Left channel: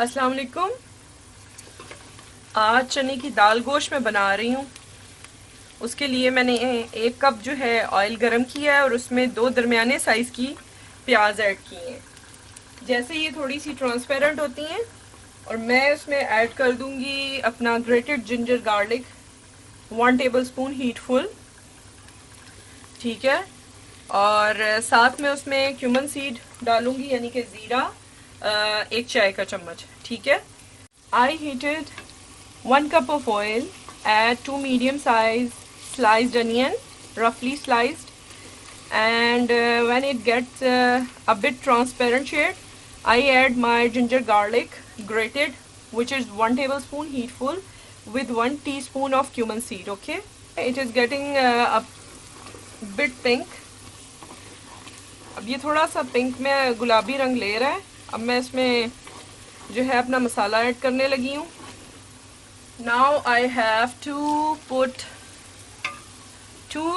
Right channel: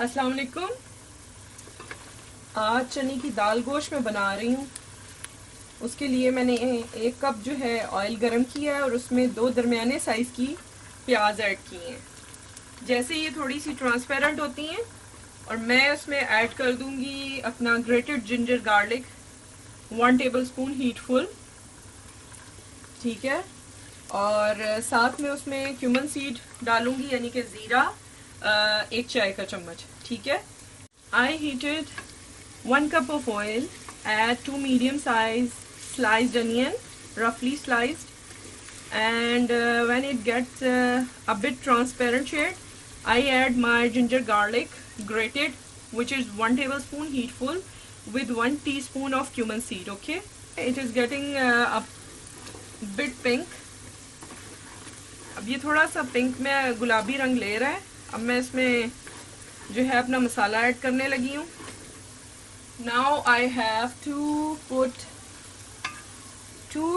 अस्सलाम वालेकुम। आज चने की दाल गोश्त मैं बना रही हूँ। उसके लिए मैंने 1 कप जो है ऑयल गरम किया है और उसमें 2 दरमियाने साइज़ की प्याज ऐड की हैं। जैसे ये थोड़ी सी ट्रांसपेरेंट होती हैं और मैं उसमें ऐड कर दूंगी अपना ग्रेटेड जिंजर गार्लिक 1 टेबलस्पून हीटफुल, ठीक है। और साथ में उसमें क्यूमन सीड डालूंगी यानी कि ज़ीरा 1 चाय का चम्मच, ठीक है। I heated 1 cup of oil, add 2 medium size sliced onion, roughly sliced, and when it gets a bit transparent shade, I add my ginger garlic grated, which is 1 tablespoon heatful with 1 teaspoon of cumin seed, okay. It is getting a bit pink. अब ये थोड़ा सा pink में गुलाबी रंग ले रहा है। अब मैं इसमें जो है अपना मसाला ऐड करने लगी हूँ। Now I have to put 2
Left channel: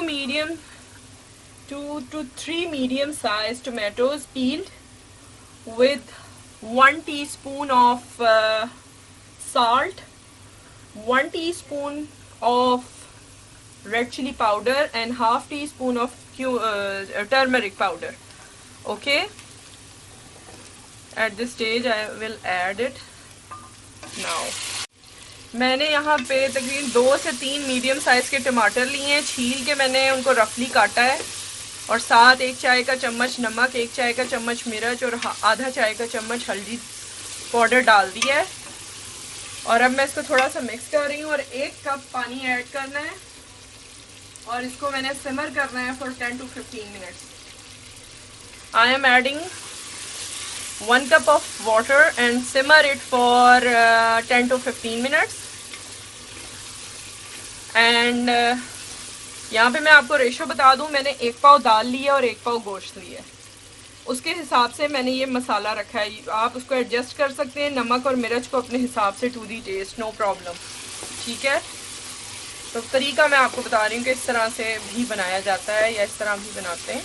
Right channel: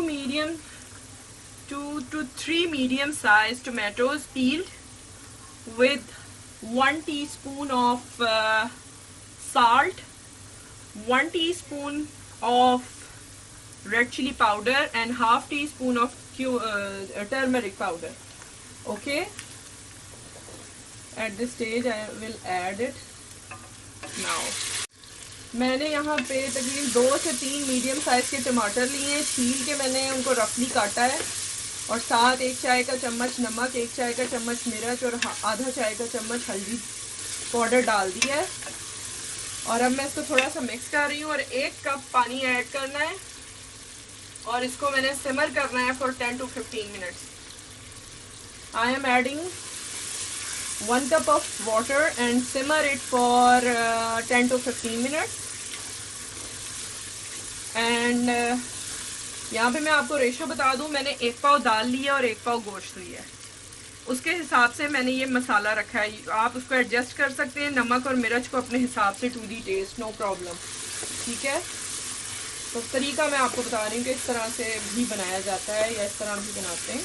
to 3 medium sized tomatoes peeled with 1 teaspoon of salt, 1 teaspoon of red chili powder and half teaspoon of turmeric powder. Okay, at this stage I will add it now. मैंने यहाँ पे तकरीबन 2 से 3 medium size के टमाटर लिए हैं। छील के मैंने उनको रफली काटा है और साथ 1 चाय का चम्मच नमक, 1 चाय का चम्मच मिर्च और आधा चाय का चम्मच हल्दी पाउडर डाल दिया है। और अब मैं इसको थोड़ा सा मिक्स कर रही हूँ और 1 कप पानी ऐड करना है और इसको मैंने सिमर करना है for 10 to 15 minutes. I am adding 1 cup of water and simmer it for 10 to 15 minutes. And यहाँ पे मैं आपको रेशो बता दूँ, मैंने 1 पाव दाल लिया और 1 पाव गोश्त लिया है। उसके हिसाब से मैंने ये मसाला रखा है। आप उसको एडजस्ट कर सकते हैं, नमक और मिर्च को अपने हिसाब से to the test, no problem, ठीक है। तो तरीका मैं आपको बता रही हूँ कि इस तरह से भी बनाया जाता है या इस तरह भी बनाते हैं।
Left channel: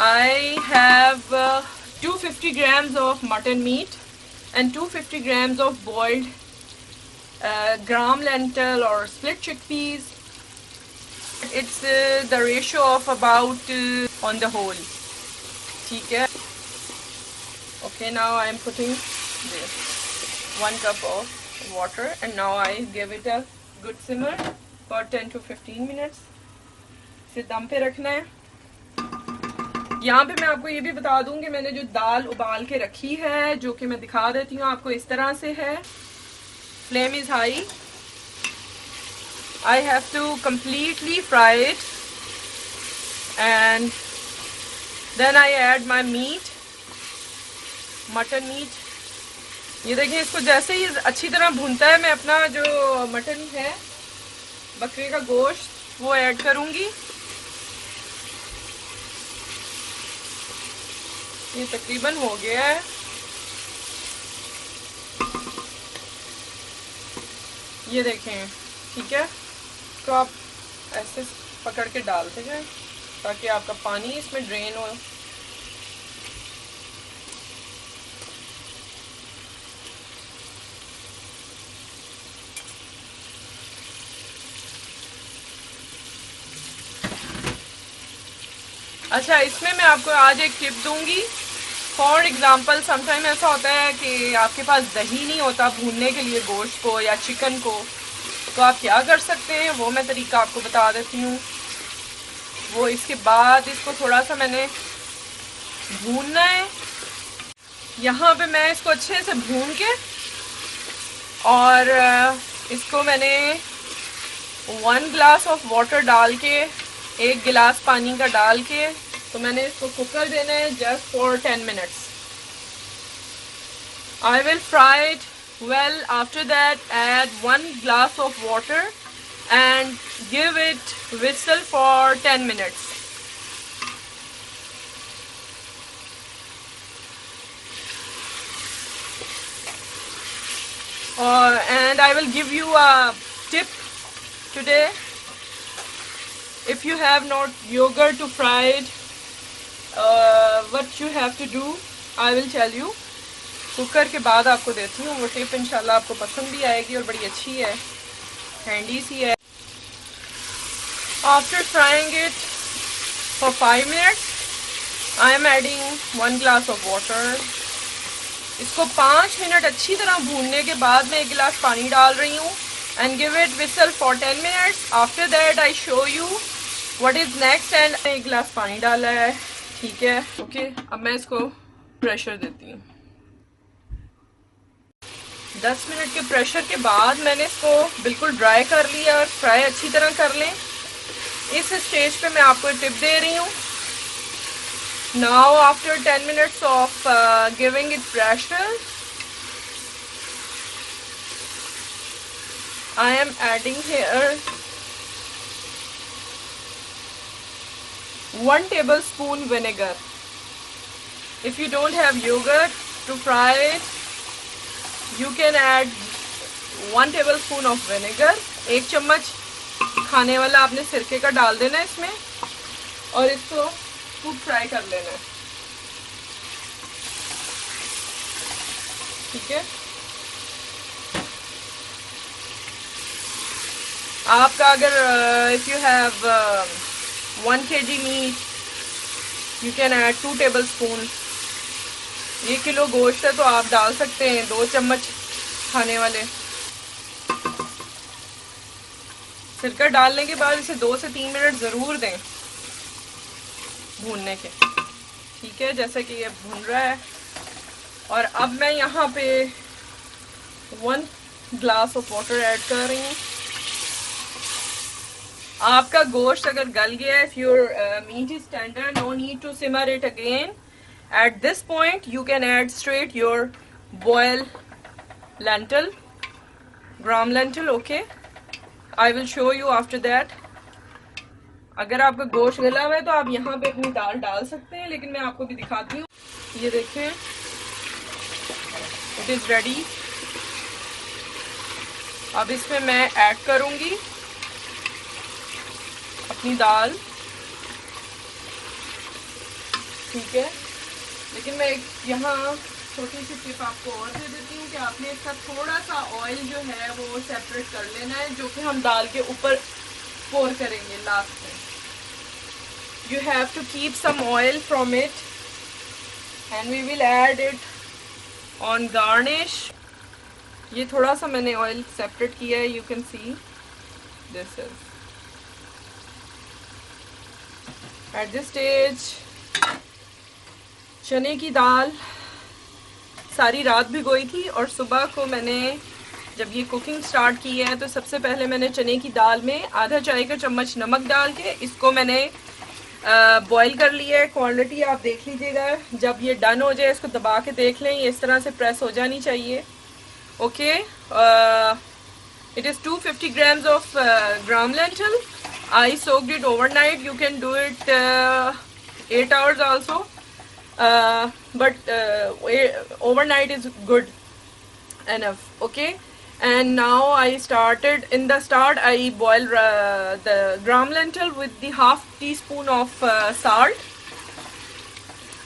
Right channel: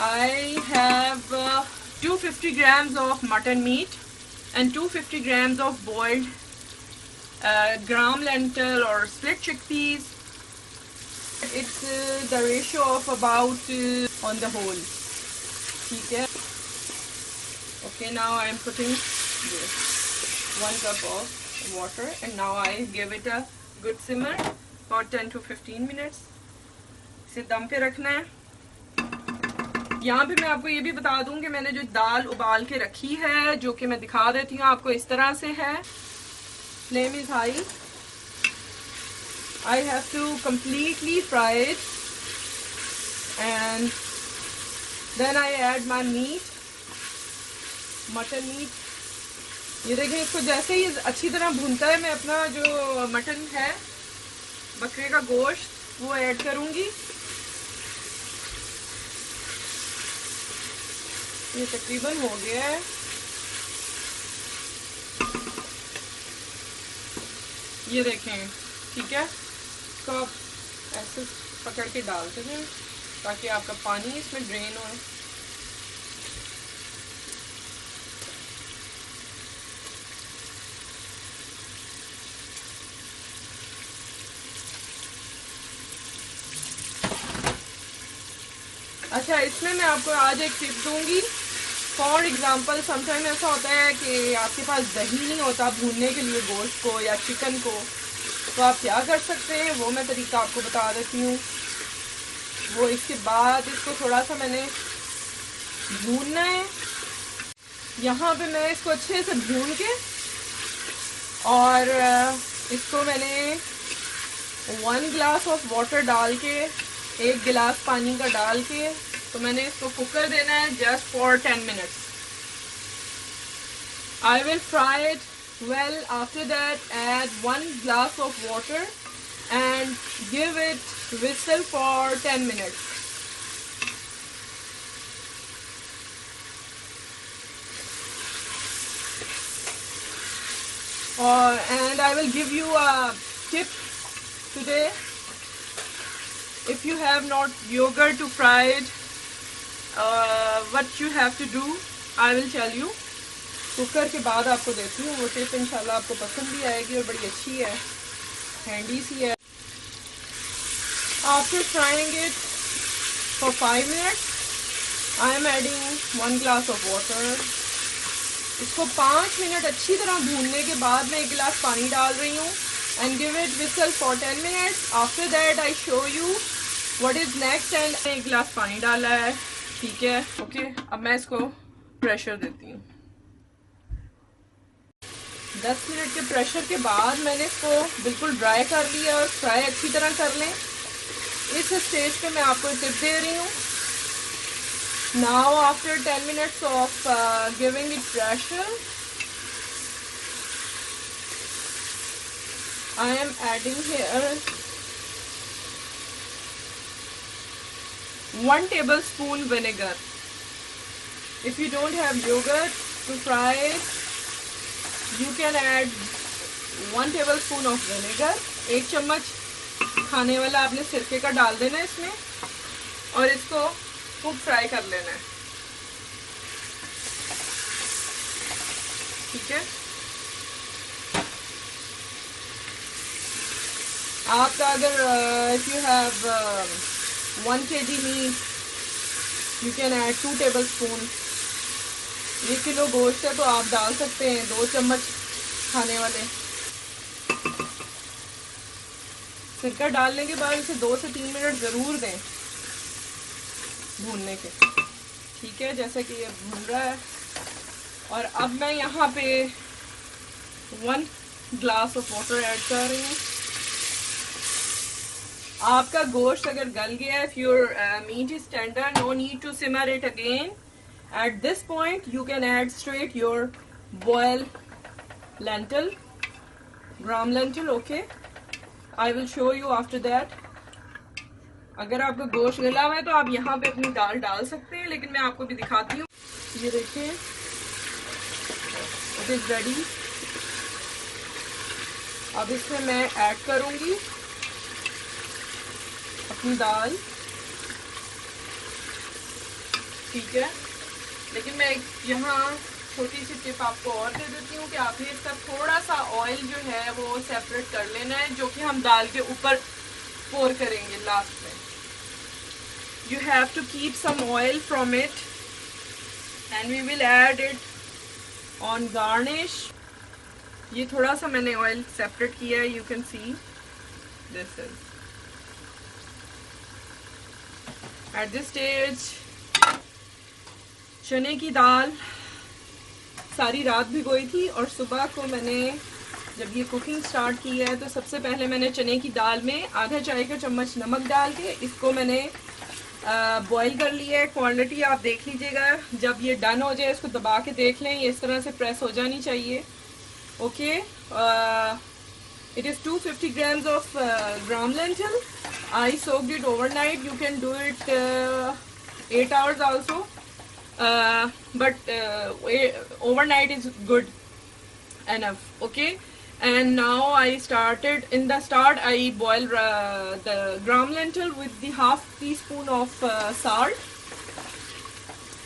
I have 250 grams of mutton meat and 250 grams of boiled gram lentil or split chickpeas. It's the ratio of about on the whole, ठीक है। Okay, now I am putting this 1 cup of water and now I give it a good simmer for 10 to 15 minutes. इसे दम पे रखना है। यहाँ पे मैं आपको ये भी बता दूं कि मैंने जो दाल उबाल के रखी है, जो कि मैं दिखा देती हूँ आपको, इस तरह से है। Flame is high. I have to completely fry it and then I add my meat, mutton meat. ये देखिए, इसको जैसे ही अच्छी तरह भूनता है, मैं अपना जो मटन है, बकरे का गोश्त, वो ऐड करूँगी। ये तकरीबन हो गया है। ये देखें, ठीक है। तो आप ऐसे पकड़ के डालते जाएं ताकि आपका पानी इसमें ड्रेन हो। अच्छा, इसमें मैं आपको आज एक टिप दूंगी। फॉर एग्जांपल, समटाइम ऐसा होता है कि आपके पास दही नहीं होता भूनने के लिए गोश्त को या चिकन को, तो आप क्या कर सकते हैं, वो मैं तरीका आपको बता देती हूँ। वो इसके बाद इसको थोड़ा सा मैंने भूनना है। यहाँ पे मैं इसको अच्छे से भून के और इसको मैंने 1 ग्लास ऑफ वाटर डाल के, 1 गिलास पानी का डाल के, तो मैंने इसको कुकर देना है just for 10 minutes. I will fry it well. After that, add 1 glass of water and give it whistle for 10 minutes. And I will give you a tip today. If you have not yogurt to fry it, what you have to do, I will tell you. Cooker के बाद आपको देती हूँ वो tip, इंशाल्लाह आपको पसंद भी आएगी और बड़ी अच्छी है, हैंडी सी है। After frying it for 5 minutes I am adding 1 glass of water. इसको 5 मिनट अच्छी तरह भूनने के बाद मैं 1 गिलास पानी डाल रही हूँ and give it whistle for 10 minutes. After that I show you what is next. And 1 गिलास पानी डाला है, ठीक है, ओके। अब मैं इसको प्रेशर देती हूँ। 10 मिनट के प्रेशर के बाद मैंने इसको बिल्कुल ड्राई कर लिया और फ्राई अच्छी तरह कर लें। इस स्टेज पे मैं आपको टिप दे रही हूँ। Now after 10 minutes of giving it pressure I am adding here 1 tablespoon vinegar. If you don't have yogurt to fry it, you can add 1 tablespoon of vinegar. 1 चम्मच खाने वाला आपने सिरके का डाल देना है इसमें और इसको खूब फ्राई कर लेना है, ठीक है। आपका अगर if you have 1 kg meat you can add 2 tablespoon। 1 kilo गोश्त है तो आप डाल सकते हैं 2 चम्मच खाने वाले। सिरका डालने के बाद इसे 2 से 3 मिनट ज़रूर दें भूनने के, ठीक है, जैसे कि ये भून रहा है। और अब मैं यहाँ पे 1 ग्लास ऑफ वाटर ऐड कर रही हूँ। आपका गोश्त अगर गल गया है, if your meat is tender, no need to simmer it again. At this point you can add straight your boil lentil, gram lentil, okay? I will show you after that. अगर आपका गोश्त गला हुआ है तो आप यहाँ पे अपनी दाल डाल सकते हैं, लेकिन मैं आपको भी दिखाती हूँ। ये देखें, इट इज रेडी। अब इसमें मैं ऐड करूंगी अपनी दाल, ठीक है। लेकिन मैं यहाँ छोटी सी टिप आपको और दे देती हूँ कि आपने इसका थोड़ा सा ऑयल जो है वो सेपरेट कर लेना है, जो कि हम दाल के ऊपर पोर करेंगे लास्ट में। You have to keep some oil from it and we will add it on garnish. ये थोड़ा सा मैंने ऑयल सेपरेट किया है, you can see this is at this stage। चने की दाल सारी रात भिगोई थी और सुबह को मैंने जब ये कुकिंग स्टार्ट की है तो सबसे पहले मैंने चने की दाल में आधा चाय का चम्मच नमक डाल के इसको मैंने बॉईल कर लिया है। क्वांटिटी आप देख लीजिएगा, जब ये डन हो जाए इसको दबा के देख लें, ये इस तरह से प्रेस हो जानी चाहिए, okay. It is 250 grams of gram lentil. I soaked it overnight. You can do it 8 hours also, but overnight is good enough, okay. And now I started, in the start I boiled the gram lentil with the half teaspoon of salt,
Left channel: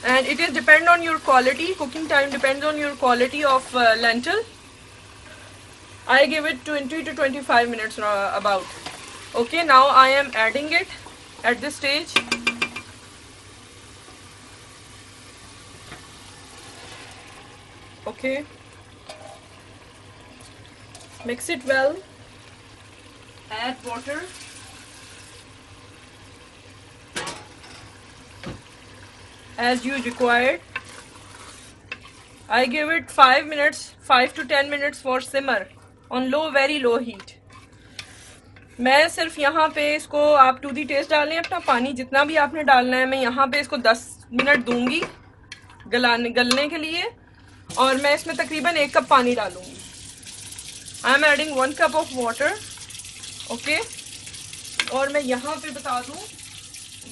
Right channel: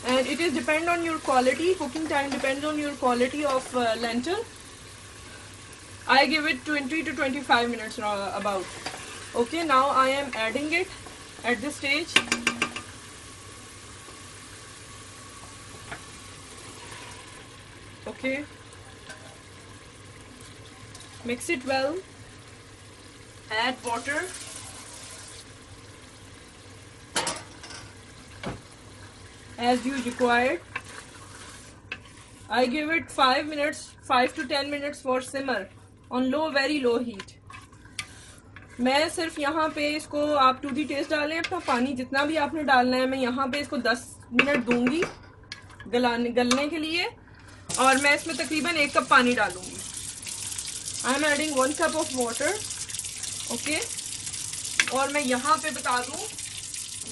and it is depend on your quality, cooking time depends on your quality of lentil. I give it 20 to 25 minutes about, okay. Now I am adding it at this stage. Okay, mix it well, add water, as you required. I give it 5 minutes, 5 to 10 minutes for simmer on low, very low heat. मैं सिर्फ यहाँ पे इसको, आप to the test डालें अपना, पानी जितना भी आपने डालना है। मैं यहाँ पे इसको 10 मिनट दूंगी गलने के लिए, और मैं इसमें तकरीबन 1 कप पानी डालूंगी। I am adding 1 cup of water, okay. और मैं यहाँ पे बता दूँ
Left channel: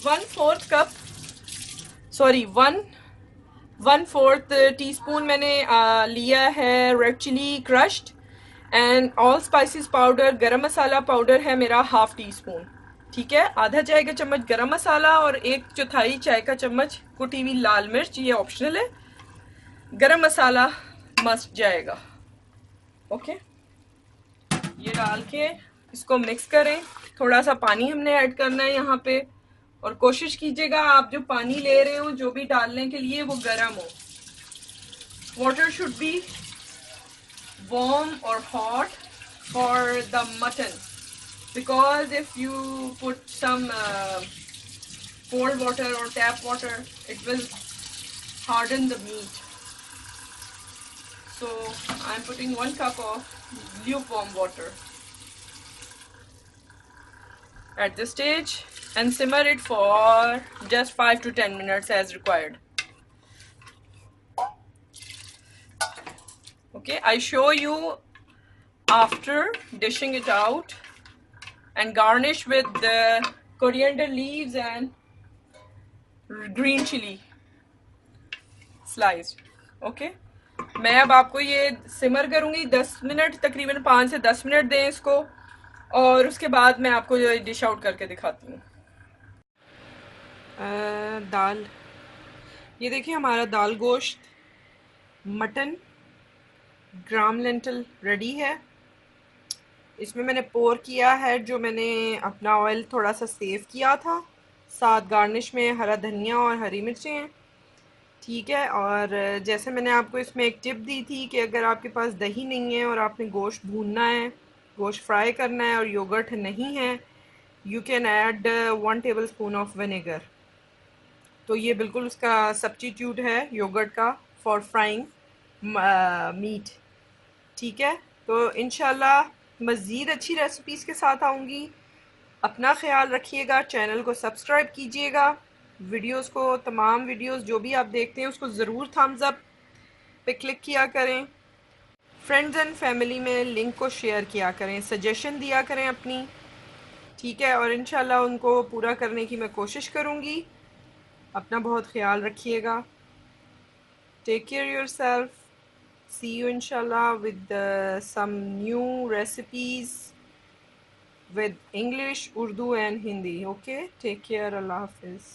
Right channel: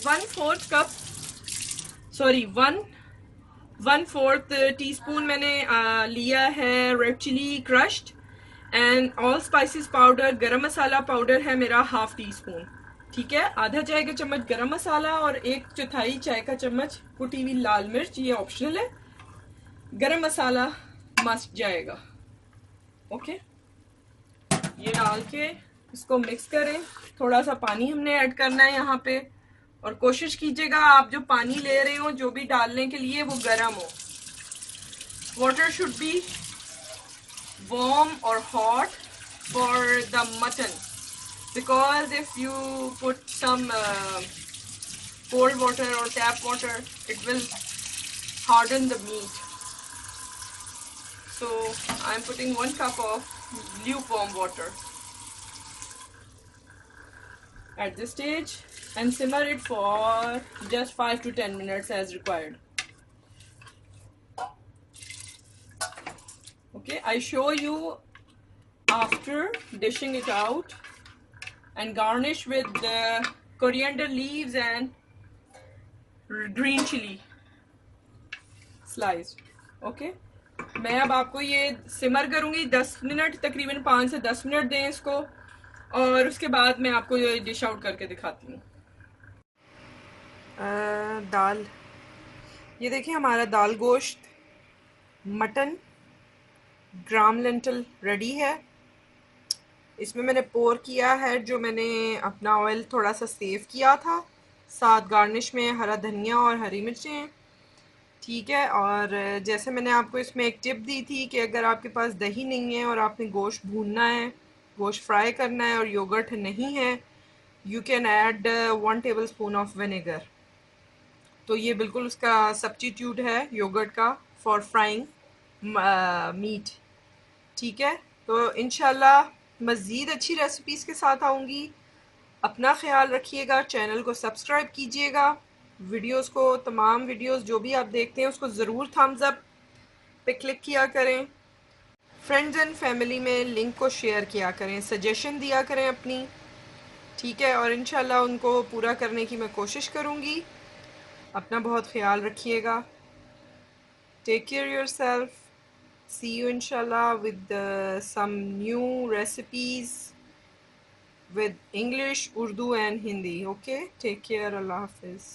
1/4 टीस्पून मैंने लिया है red chilli crushed, and all spices powder, garam masala powder है मेरा हाफ टी स्पून, ठीक है। आधा चाय का चम्मच गरम मसाला और 1/4 चाय का चम्मच कुटी हुई लाल मिर्च, ये ऑप्शनल है। गरम मसाला मस्ट जाएगा। ओके, ये डाल के इसको मिक्स करें। थोड़ा सा पानी हमने ऐड करना है यहाँ पे, और कोशिश कीजिएगा आप जो पानी ले रहे हो जो भी डालने के लिए वो गर्म हो। Water should be warm or hot for the mutton, because if you put some cold water or tap water, it will harden the meat. So I'm putting 1 cup of lukewarm water at this stage and simmer it for just 5 to 10 minutes as required. Okay, I show you after dishing it out and garnish with the coriander leaves and green chili sliced. Okay, मैं अब आपको ये सिमर करूंगी 10 minute, तकरीबन 5 से 10 minute दें इसको, और उसके बाद मैं आपको ये डिश आउट करके दिखाती हूँ। दाल, ये देखिए हमारा दाल गोश्त मटन ग्राम लेंटल रेडी है। इसमें मैंने पोर किया है, जो मैंने अपना ऑयल थोड़ा सा सेव किया था, साथ गार्निश में हरा धनिया और हरी मिर्चें हैं। ठीक है, और जैसे मैंने आपको इसमें एक टिप दी थी कि अगर आपके पास दही नहीं है और आपने गोश्त भूनना है, गोश्त फ्राई करना है और योगर्ट नहीं है, you can add 1 table spoon of vinegar. तो ये बिल्कुल उसका सब्स्टिट्यूट है योगर्ट का फॉर फ्राइंग मीट। ठीक है, तो इंशाल्लाह मज़ीद अच्छी रेसिपीज़ के साथ आऊँगी। अपना ख्याल रखिएगा, चैनल को सब्सक्राइब कीजिएगा, वीडियोस को, तमाम वीडियोस जो भी आप देखते हैं उसको ज़रूर थम्स अप पे क्लिक किया करें। फ्रेंड्स एंड फैमिली में लिंक को शेयर किया करें, सजेशन दिया करें अपनी। ठीक है, और इंशाल्लाह उनको पूरा करने की मैं कोशिश करूँगी। अपना बहुत ख्याल रखिएगा। Take care yourself. See you inshallah with some new recipes with English, Urdu and Hindi. Okay, take care. Allah Hafiz.